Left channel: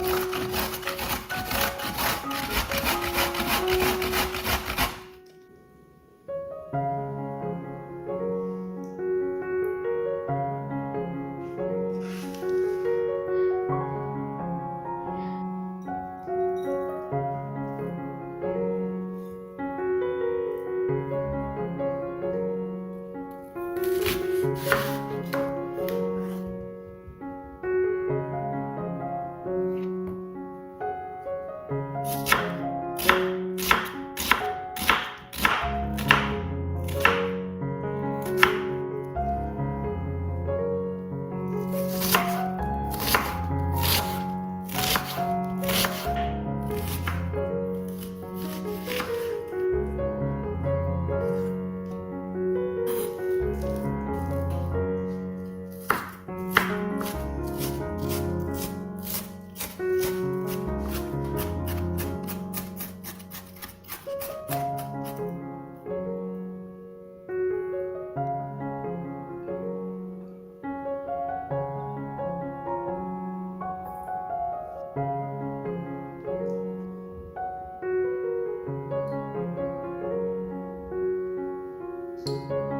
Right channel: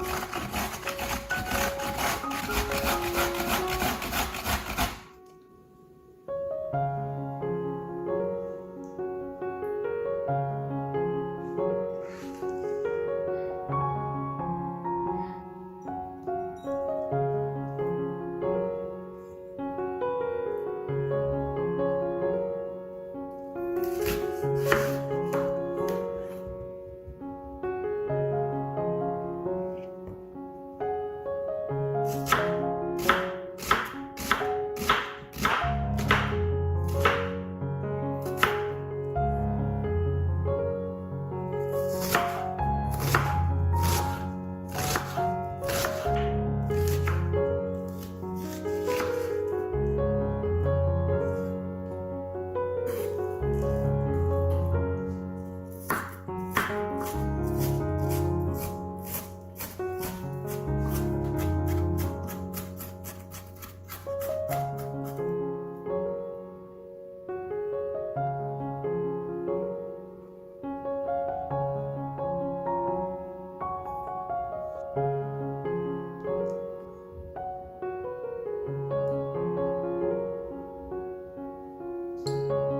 you. you